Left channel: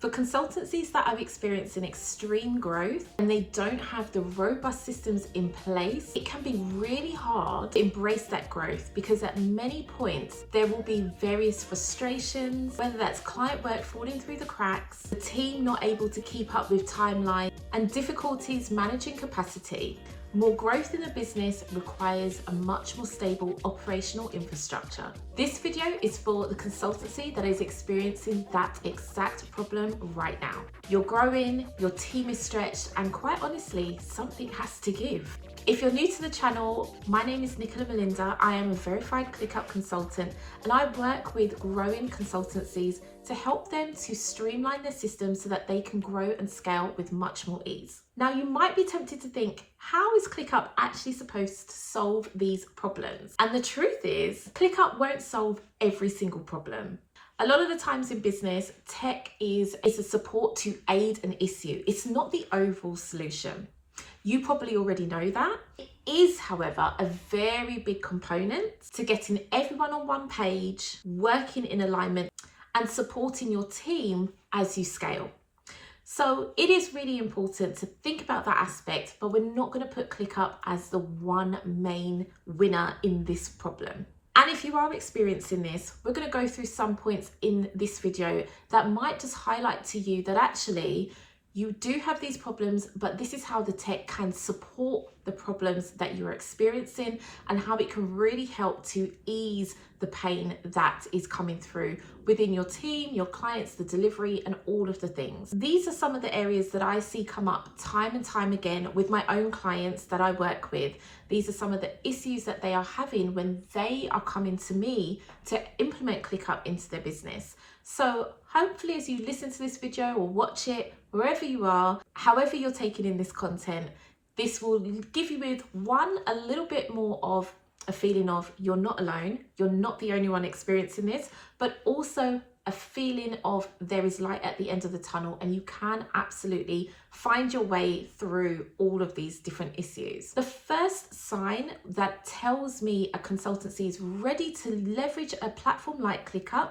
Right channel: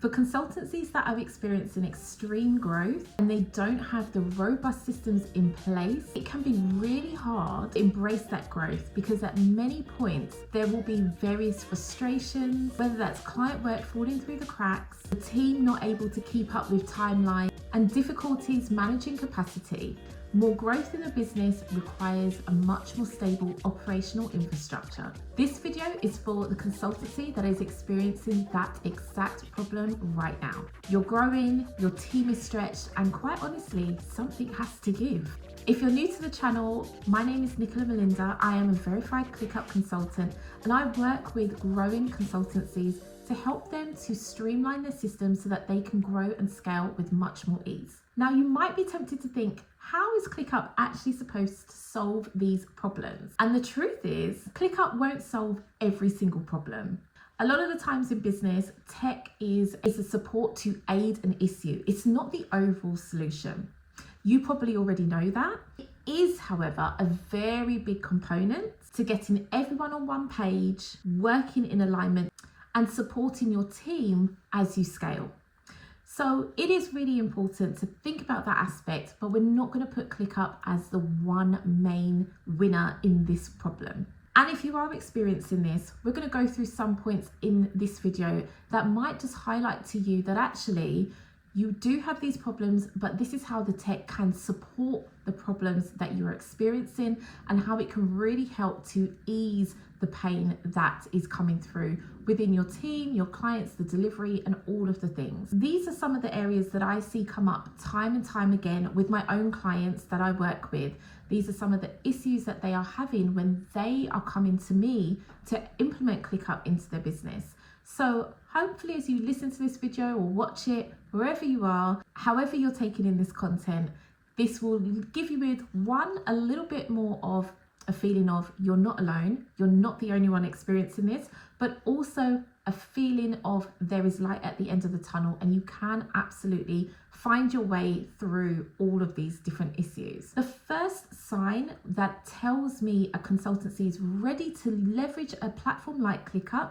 For consultancies that are experiencing extreme growth and they don't have the robust systems in place, it can be really hard to embrace that growth because at many points there will be various frustrations, whether that's client work falling through the cracks, the team not able to keep up with timelines, and difficulties managing capacity. More growth in the business requires a much more stable operational infrastructure. This video is for the consultancy that is experiencing that exact problem right now. You're growing, your team is stretched, and quite honestly, something has to give. If you're new to the channel, my name is Nicola Melinda. I am a verified ClickUp consultant, and I work with growing consultancies to help them to streamline their systems so that they can grow and scale with much more ease. Now, you might be tempted to think, how is ClickUp actually supposed to solve these problems? And the truth is, ClickUp won't solve every single problem. A lot of the times in business, tech is a support to aid an issue. It's not the overall solution. You probably already know that. It is, however, a very big component to getting everyone on one page, working in alignment, and supporting your team as you scale. So it is really important to think about that aspect, but we're not going to put ClickUp as the one main winner in this problem. And if you are experiencing this, we're going to go through some points in this video that might just highlight to you that actually you do have these problems, but this is how the tech can support the problems that you're experiencing and how it can really help to ease the pain that is coming through within your team, your clients, the delivery, and all of the things. These are some of the areas that I see come up time and time again with my own clients that I work with. These are some of the issues that they are having when they are coming to me to implement ClickUp into their business. So hopefully as you listen to this video or watch it, wherever you are, however you're taking in this content, this will give you with a little bit more of a feeling of you're not alone, you're not the only one experiencing this, but also a feeling of there is light at the end of the tunnel and you can absolutely find your way through all of these different issues. The first sign that tells me a consultancy is ready to leverage a platform like ClickUp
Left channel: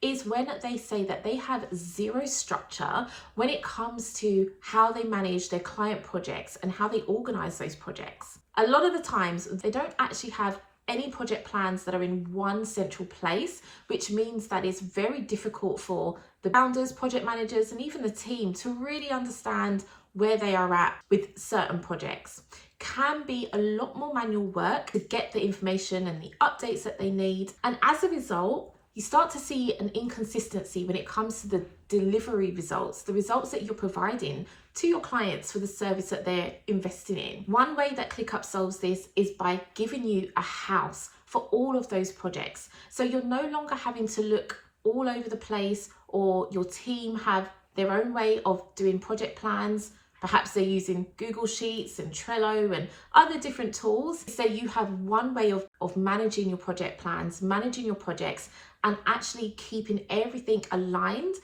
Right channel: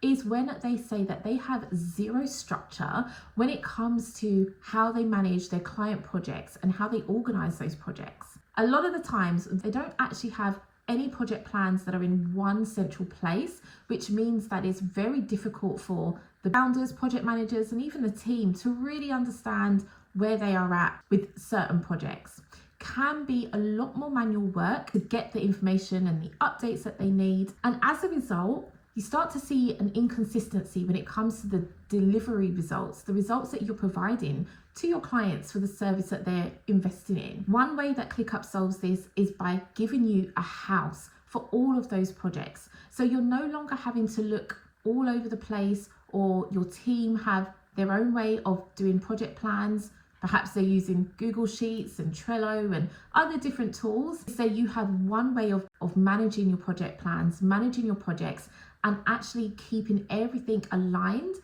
is when they say that they have zero structure when it comes to how they manage their client projects and how they organize those projects. A lot of the times they don't actually have any project plans that are in one central place, which means that it's very difficult for the founders, project managers, and even the team to really understand where they are at with certain projects. Can be a lot more manual work to get the information and the updates that they need. And as a result, you start to see an inconsistency when it comes to the delivery results, the results that you're providing to your clients for the service that they're investing in. One way that ClickUp solves this is by giving you a house for all of those projects. So you're no longer having to look all over the place, or your team have their own way of doing project plans. Perhaps they're using Google Sheets and Trello and other different tools. So you have one way of managing your project plans, managing your projects, and actually keeping everything aligned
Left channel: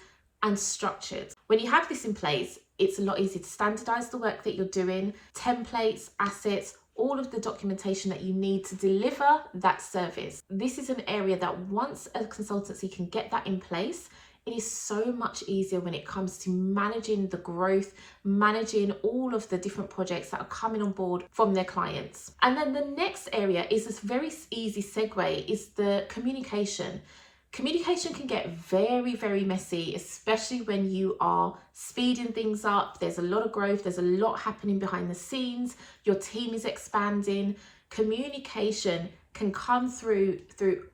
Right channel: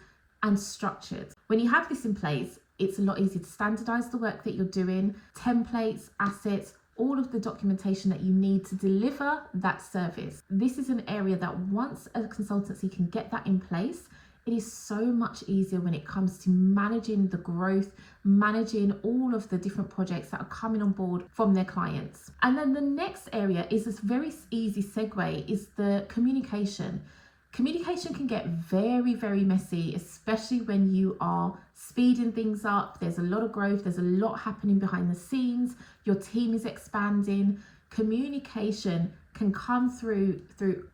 and structured. When you have this in place, it's a lot easier to standardize the work that you're doing, templates, assets, all of the documentation that you need to deliver that service. This is an area that once a consultancy can get that in place, it is so much easier when it comes to managing the growth, managing all of the different projects that are coming on board from their clients. And then the next area is this very easy segue, is the communication. Communication can get very, very messy, especially when you are speeding things up. There's a lot of growth, there's a lot happening behind the scenes, your team is expanding. Communication can come through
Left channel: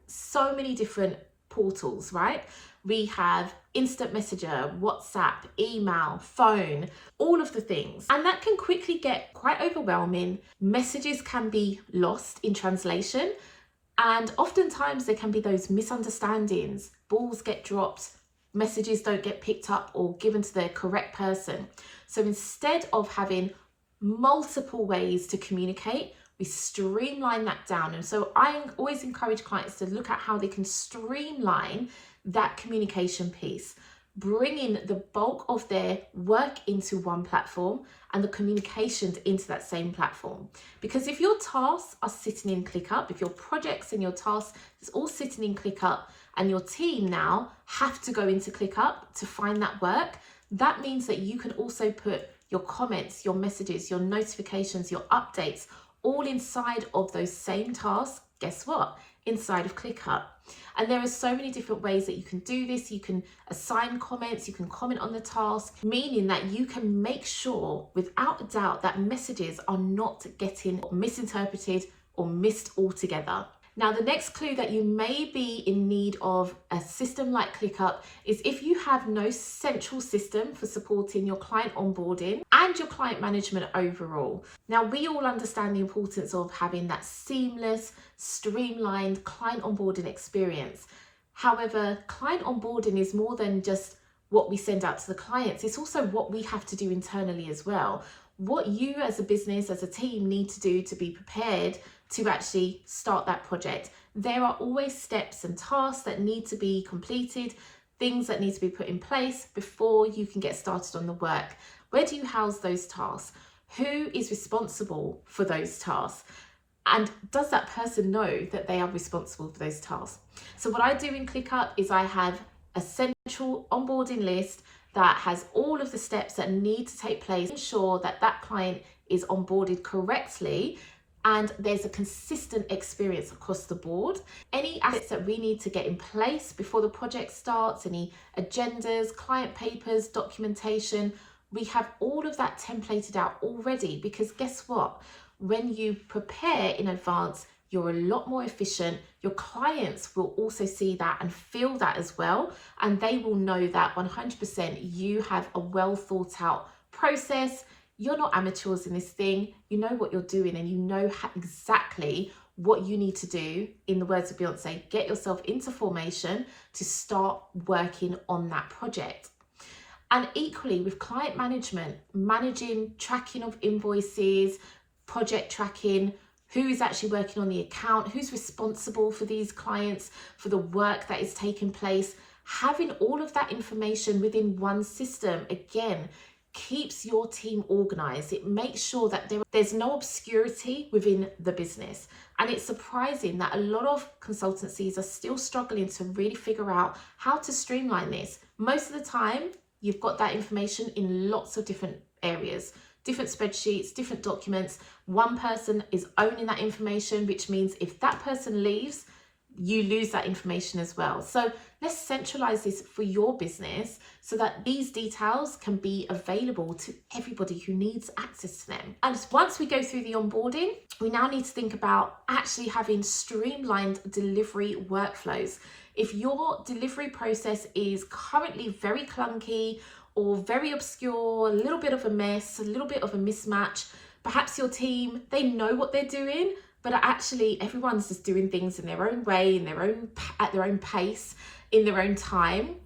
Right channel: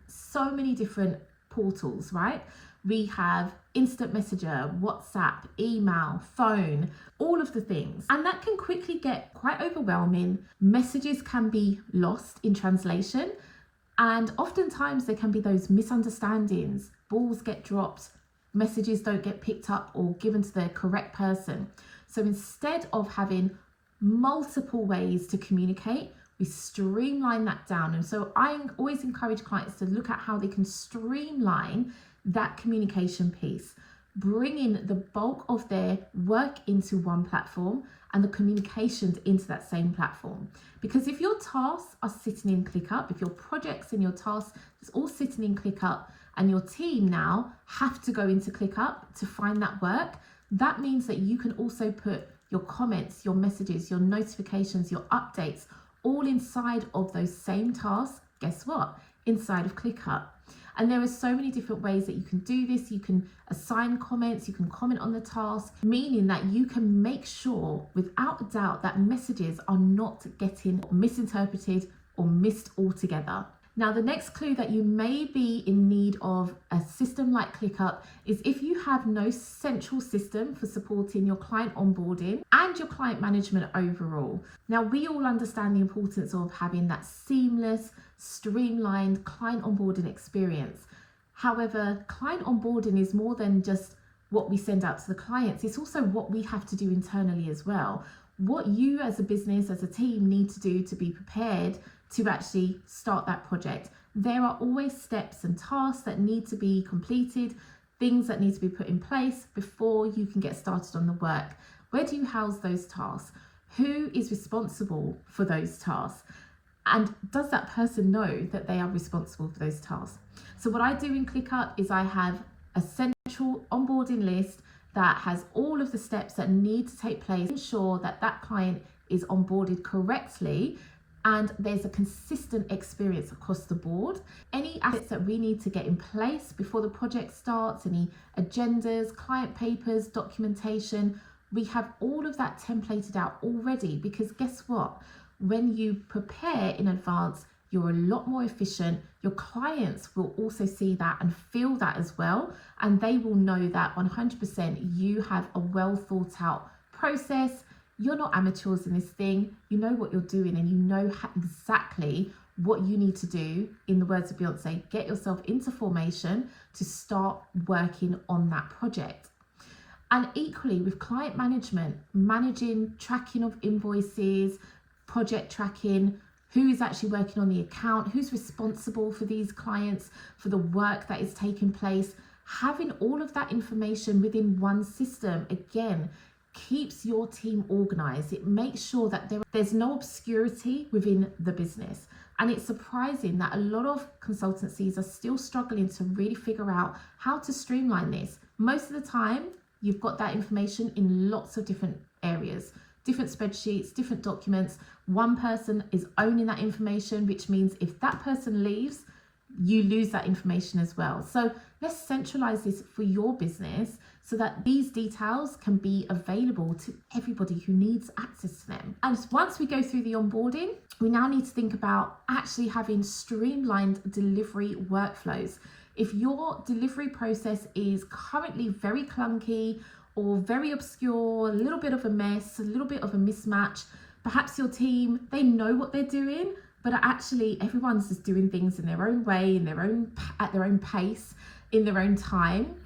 so many different portals, right? We have instant messenger, WhatsApp, email, phone, all of the things. And that can quickly get quite overwhelming. Messages can be lost in translation. And oftentimes there can be those misunderstandings. Balls get dropped, messages don't get picked up or given to the correct person. So instead of having multiple ways to communicate, we streamline that down. And so I always encourage clients to look at how they can streamline that communication piece, bringing the bulk of their work into one platform and the communications into that same platform. Because if your tasks are sitting in ClickUp, if your projects and your tasks is all sitting in ClickUp, and your team now have to go into ClickUp to find that work, That means that you can also put your comments, your messages, your notifications, your updates all inside of those same tasks. Guess what? Inside of ClickUp. And there are so many different ways that you can do this. You can assign comments, you can comment on the task, meaning that you can make sure without a doubt that messages are not getting misinterpreted or missed altogether. Now, the next clue that you may be in need of a system like ClickUp is if you have no central system for supporting your client onboarding and your client management overall. Now, we all understand the importance of having that seamless, streamlined client onboarding experience. However, client onboarding is more than just what we send out to the clients. It's also what we have to do internally as well. What you as a business, as a team, need to do to be prepared to actually start that project. There are always steps and tasks that need to be completed, things that need to be put in place before you can get started on the work. Where do you house those tasks? Who is responsible for those tasks? And does that person know that they are responsible for those tasks? So what I do in ClickUp is I have a central onboarding list that has all of the steps that need to take place to ensure that that client is onboarded correctly and there's a consistent experience across the board. Any assets that we need to get in place before the project starts, any agendas, client papers, documentation, we have all of that templated out already, because guess what? When you prepare in advance, you're a lot more efficient. Your clients will also see that and feel that as well. And they will know that 100% you have a well thought out process. You're not amateurs in this thing. You know what you're doing and you know exactly what you need to do. In the words of Beyonce, get yourself into formation to start working on that project. And equally with client management, managing tracking of invoices, project tracking, who is actually working on the account, who's responsible for these clients, for the work that is taking place. Having all of that information within one system, again, keeps your team organized. It makes sure that there's no obscurity within the business. And it's surprising that a lot of consultancies are still struggling to really figure out how to streamline this. Most of the time, you've got that information in lots of different areas, different spreadsheets, different documents. One person is owning that information, which means if that person leaves, you lose that information as well. So let's centralize this for your business so that these details can be available to everybody who needs access to them. And once we go through the onboarding, we now need to think about actually having streamlined delivery workflows. If your delivery process is currently very clunky or very obscure, a little bit of a mess, a little bit of a mismatch, perhaps your team, they know what they're doing, but actually everyone's just doing things in their own way, at their own pace, in their own time.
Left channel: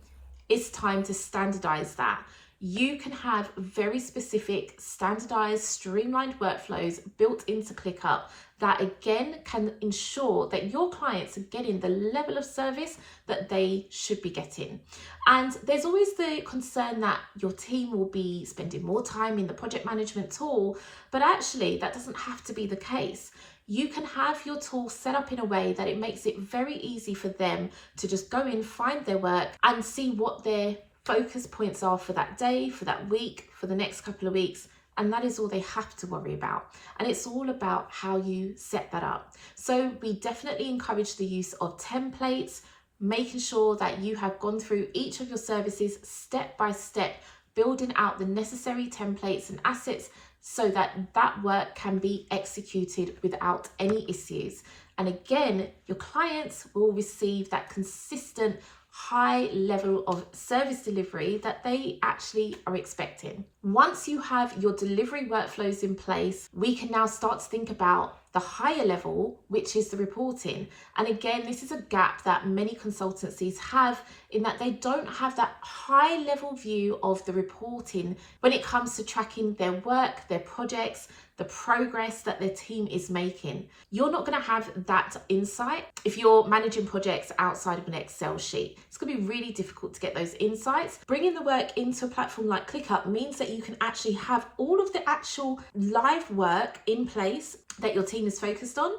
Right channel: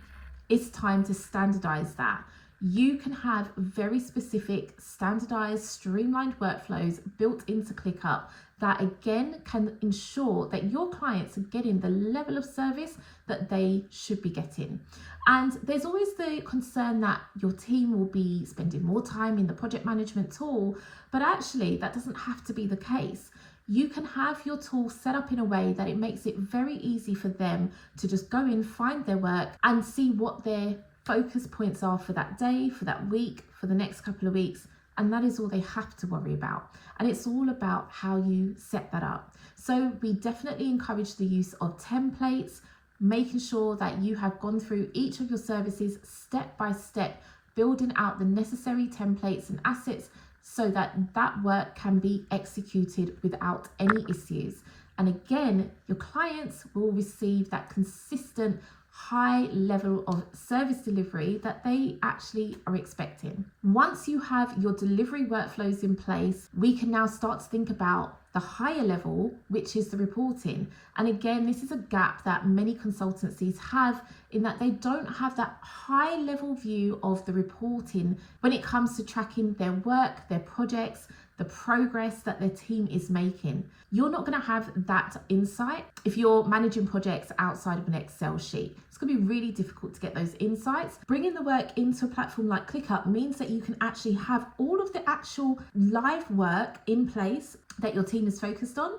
It's time to standardize that. You can have very specific, standardized, streamlined workflows built into ClickUp that again can ensure that your clients are getting the level of service that they should be getting. And there's always the concern that your team will be spending more time in the project management tool, but actually that doesn't have to be the case. You can have your tool set up in a way that it makes it very easy for them to just go in, find their work and see what their focus points are for that day, for that week, for the next couple of weeks. And that is all they have to worry about. And it's all about how you set that up. So we definitely encourage the use of templates, making sure that you have gone through each of your services step by step, building out the necessary templates and assets so that that work can be executed without any issues. And again, your clients will receive that consistent high level of service delivery that they actually are expecting. Once you have your delivery workflows in place, we can now start to think about the higher level, which is the reporting. And again, this is a gap that many consultancies have in that they don't have that high level view of the reporting when it comes to tracking their work, their projects, the progress that their team is making. You're not going to have that insight if you're managing projects outside of an Excel sheet. It's going to be really difficult to get those insights. Bringing the work into a platform like ClickUp means that you can actually have all of the actual live work in place that your team is focused on.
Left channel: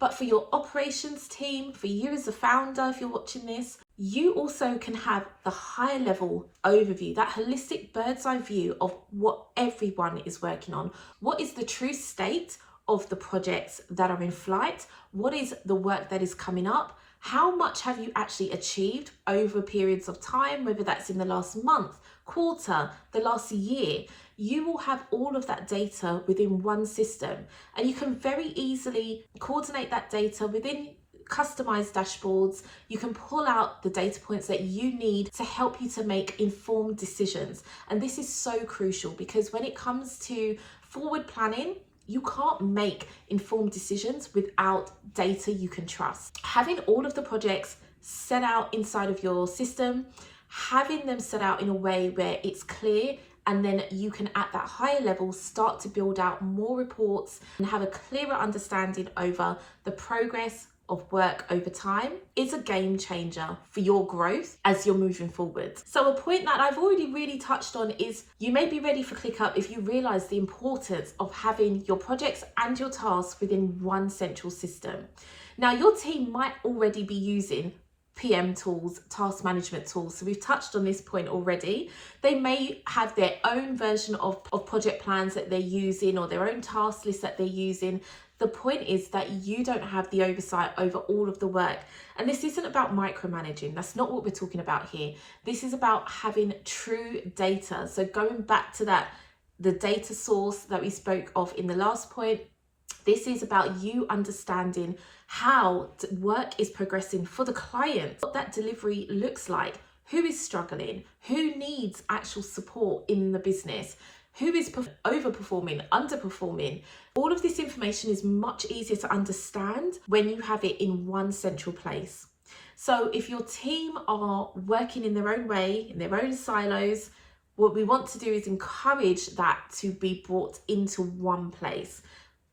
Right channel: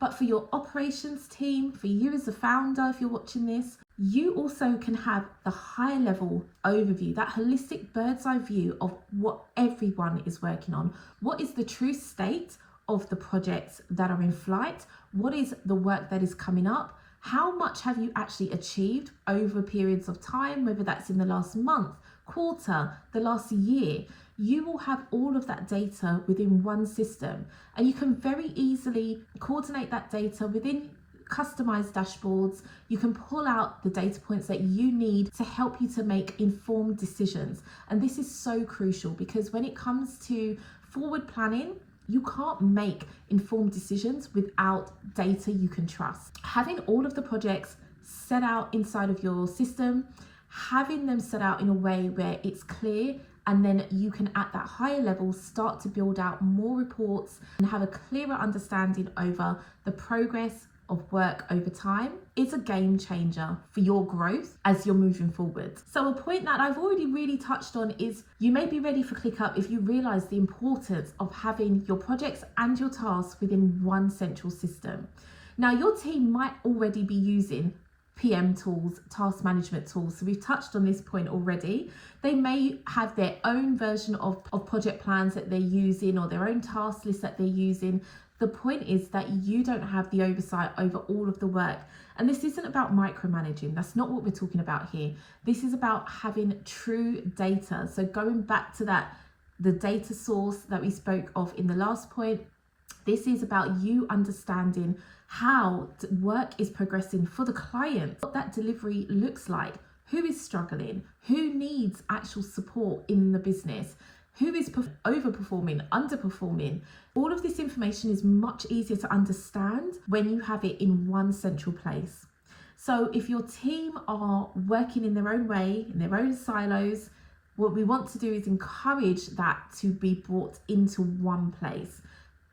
But for your operations team, for you as a founder, if you're watching this, You also can have the high level overview, that holistic bird's eye view of what everyone is working on. What is the true state of the projects that are in flight? What is the work that is coming up? How much have you actually achieved over periods of time, whether that's in the last month, quarter, the last year? You will have all of that data within one system, and you can very easily coordinate that data within customized dashboards. You can pull out the data points that you need to help you to make informed decisions. And this is so crucial, because when it comes to forward planning, you can't make informed decisions without data you can trust. Having all of the projects set out inside of your system, having them set out in a way where it's clear, and then you can at that higher level start to build out more reports and have a clearer understanding over the progress of work over time, is a game changer for your growth as you're moving forward. So a point that I've already really touched on is you may be ready for ClickUp if you realize the importance of having your projects and your tasks within one central system. Now, your team might already be using PM tools, task management tools. So we've touched on this point already. They may have their own version of project plans that they're using, or their own task list that they're using. The point is that you don't have the oversight over all of the work. And this isn't about micromanaging. That's not what we're talking about here. This is about having true data. So going back to that, the data source that we spoke of in the last point, this is about you understanding how work is progressing for the client, what that delivery looks like, who is struggling, who needs actual support in the business, who is overperforming, underperforming. All of this information is much easier to understand when you have it in one central place. So if your team are working in their own way, in their own silos, what we want to do is encourage that to be brought into one place.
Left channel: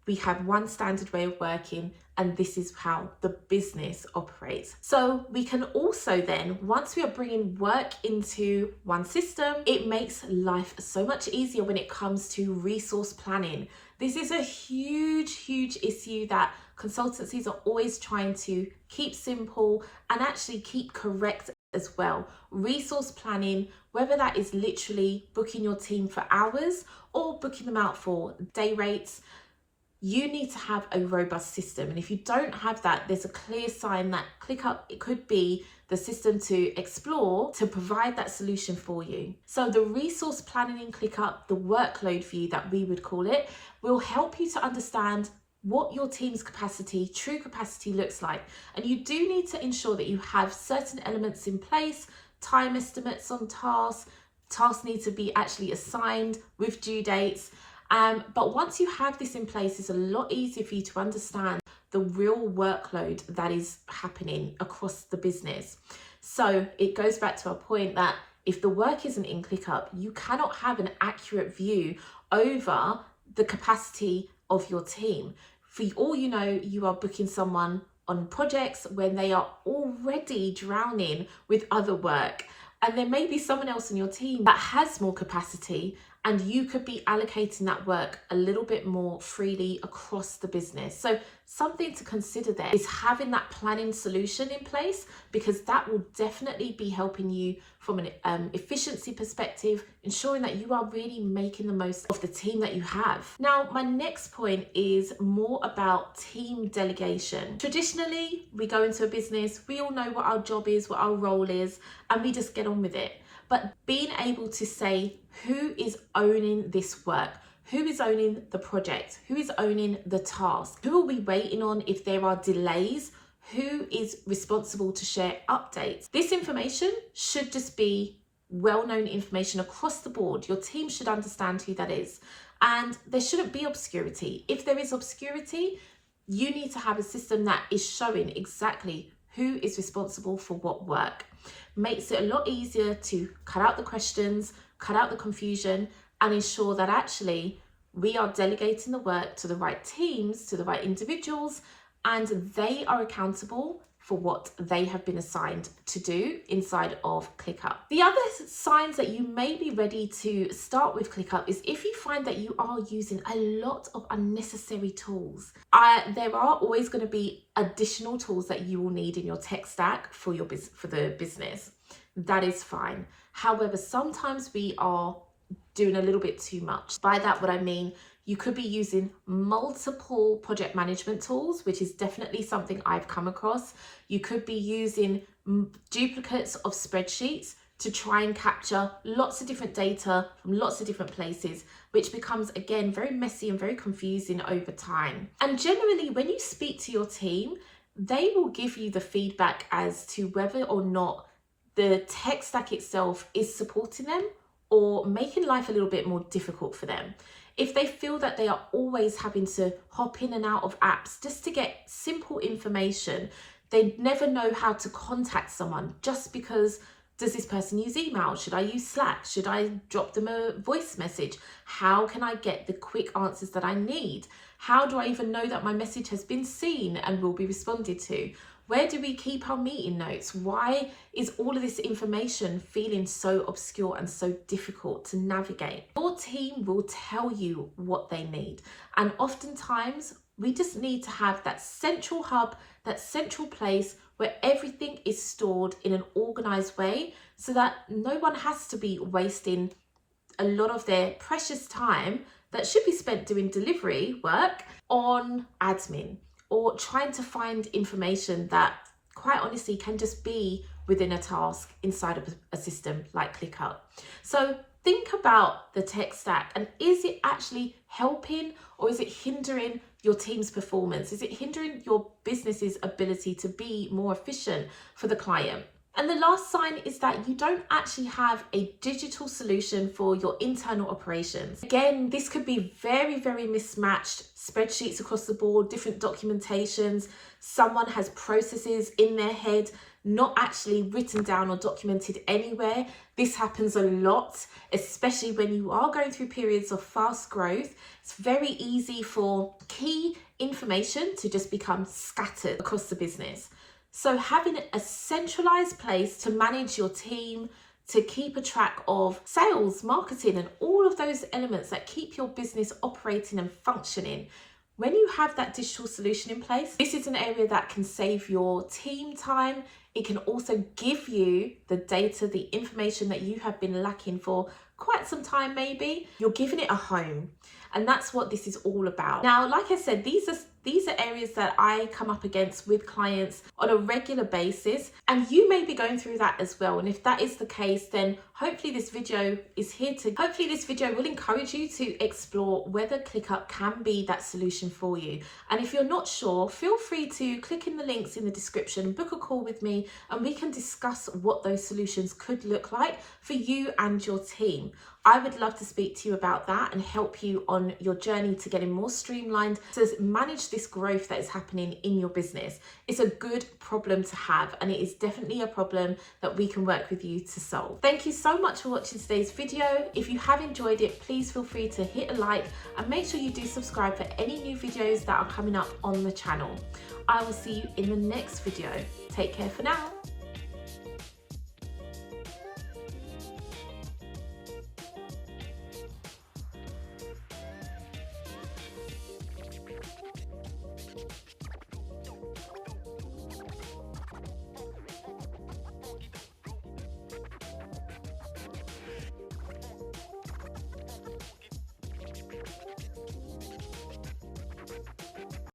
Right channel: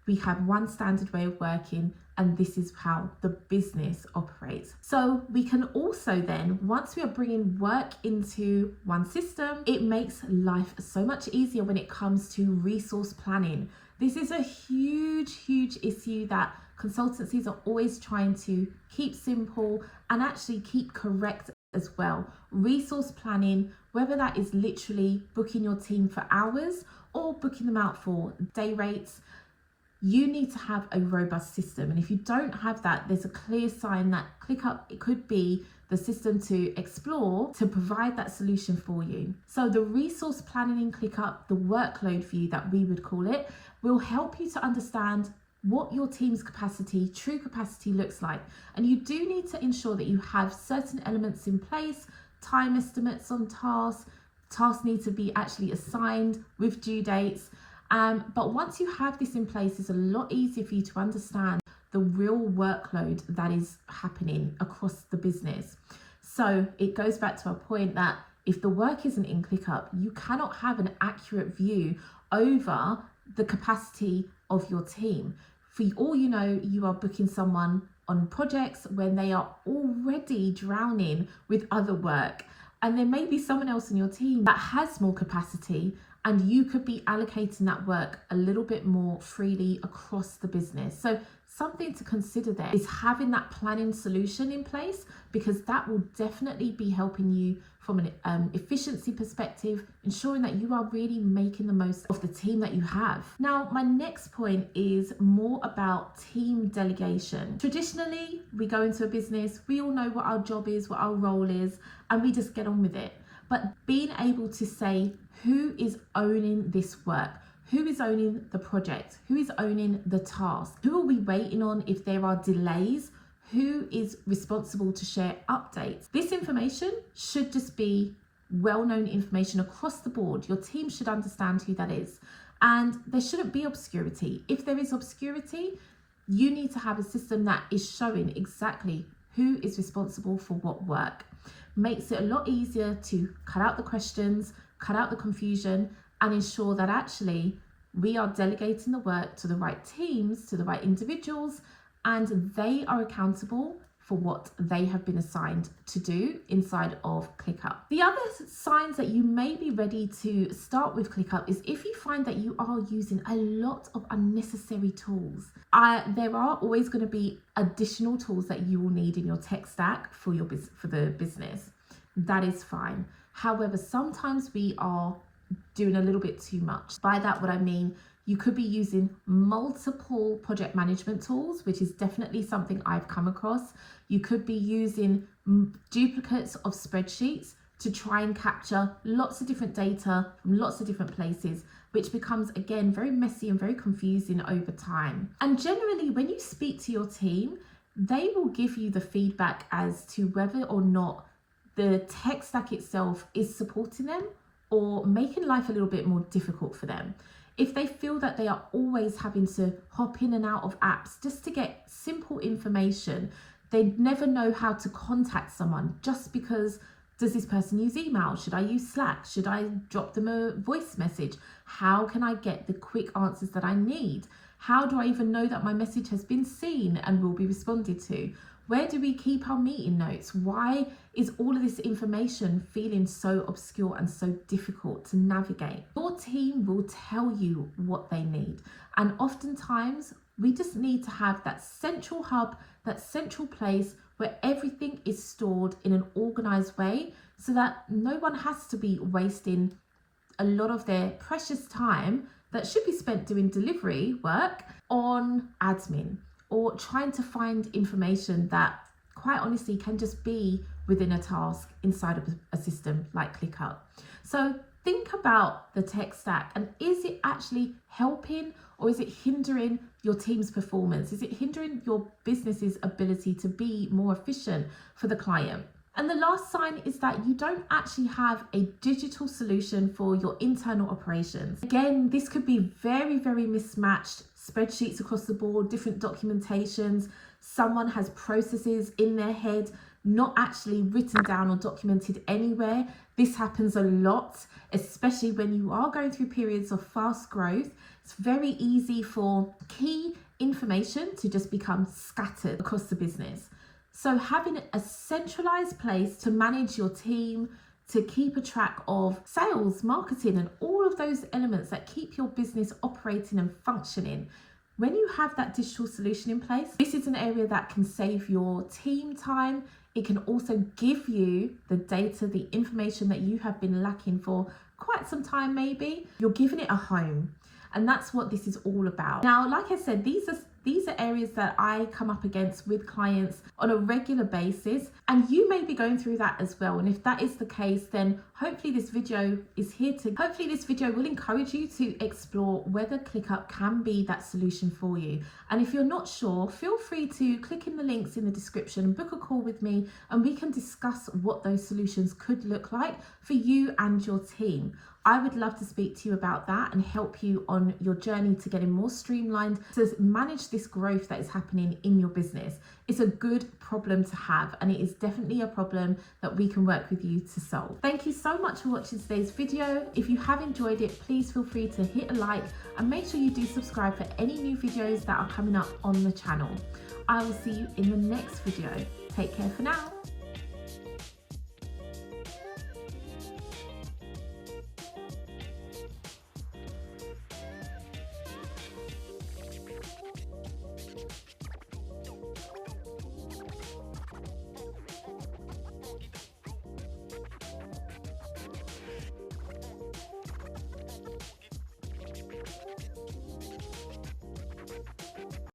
We have one standard way of working, and this is how the business operates. So we can also then, once we are bringing work into one system, it makes life so much easier when it comes to resource planning. This is a huge issue that consultancies are always trying to keep simple and actually keep correct as well. Resource planning, whether that is literally booking your team for hours or booking them out for day rates, you need to have a robust system. And if you don't have that, there's a clear sign that ClickUp, it could be the system to explore to provide that solution for you. So the resource planning in ClickUp, the workload view that we would call it, will help you to understand what your team's capacity, true capacity looks like. And you do need to ensure that you have certain elements in place, time estimates on tasks need to be actually assigned with due dates. But once you have this in place, it's a lot easier for you to understand the real workload that is happening across the business. So it goes back to our point that if the work isn't in ClickUp, you cannot have an accurate view over the capacity of your team. For all you know, you are booking someone on projects when they are already drowning with other work. And there may be someone else in your team that has more capacity, and you could be allocating that work a little bit more freely across the business. So something to consider there is having that planning solution in place, because that will definitely be helping you from an efficiency perspective, ensuring that you are really making the most of the team that you have. Now, my next point is more about team delegation. Traditionally, we go into a business, we all know what our job is, what our role is, and we just get on with it. But being able to say, who is owning this work? Who is owning the project? Who is owning the task? Who are we waiting on if there are delays? Who is responsible to share updates? This information should just be well-known information across the board. Your team should understand who that is. And there shouldn't be obscurity. If there is obscurity, you need to have a system that is showing exactly who is responsible for what work. Makes it a lot easier to cut out the questions, cut out the confusion, and ensure that actually we are delegating the work to the right teams, to the right individuals, and they are accountable for what they have been assigned to do inside of ClickUp. The other signs that you may be ready to start with ClickUp is if you find that you are using a lot of unnecessary tools. There are always going to be additional tools that you will need in your tech stack for the business. That is fine. However, sometimes we are doing a little bit too much. By that, what I mean, you could be using multiple project management tools, which is definitely something I've come across. You could be using duplicates of spreadsheets to try and capture lots of different data from lots of different places, which becomes, again, very messy and very confusing over time. And generally, when you speak to your team, they will give you the feedback as to whether or not the tech stack itself is supporting them or making life a little bit more difficult for them. If they feel that they are always having to hop in and out of apps just to get simple information, they never know how to contact someone just because, does this person use email? Should I use Slack? Should I drop them a voice message? How can I get the quick answers that I need? How do I even know that my message has been seen and will be responded to? Where do we keep our meeting notes? Why is all of this information feeling so obscure and so difficult to navigate? Your team will tell you what they need. And oftentimes we just need to have that central hub, that central place where everything is stored in an organized way so that no one has to be wasting a lot of their precious time that should be spent doing delivery work on admin, or trying to find information that quite honestly can just be within a task inside of a system like ClickUp. So think about the tech stack, and is it actually helping or is it hindering your team's performance? Is it hindering your business's ability to be more efficient for the client? And the last sign is that you don't actually have a digital solution for your internal operations. Again, this could be very, very mismatched spreadsheets across the board, different documentations. Someone has processes in their head, not actually written down or documented anywhere. This happens a lot, especially when you are going through periods of fast growth. It's very easy for key information to just become scattered across the business. So having a centralized place to manage your team, to keep a track of sales, marketing, and all of those elements that keep your business operating and functioning. When you have that digital solution in place, this is an area that can save your team time. It can also give you the data, the information that you have been lacking for quite some time maybe. You're giving it a home. And that's what this is all about. Now, like I said, these are areas that I come up against with clients on a regular basis, and you may be going through that as well. And if that is the case, then hopefully this video will encourage you to explore whether ClickUp can be that solution for you. And if you're not sure, feel free to click in the links in the description, book a call with me, and we can discuss what those solutions could look like for you and your team. I would love to speak to you about that and help you on your journey to getting more streamlined to manage this growth that is happening in your business. It's a good problem to have, and it is definitely a problem that we can work with you to solve. Thank you so much for watching today's video. If you have enjoyed it, please feel free to hit a like and make sure you do subscribe for any new videos that are coming up on the channel. I will see you in the next video. Take care for now.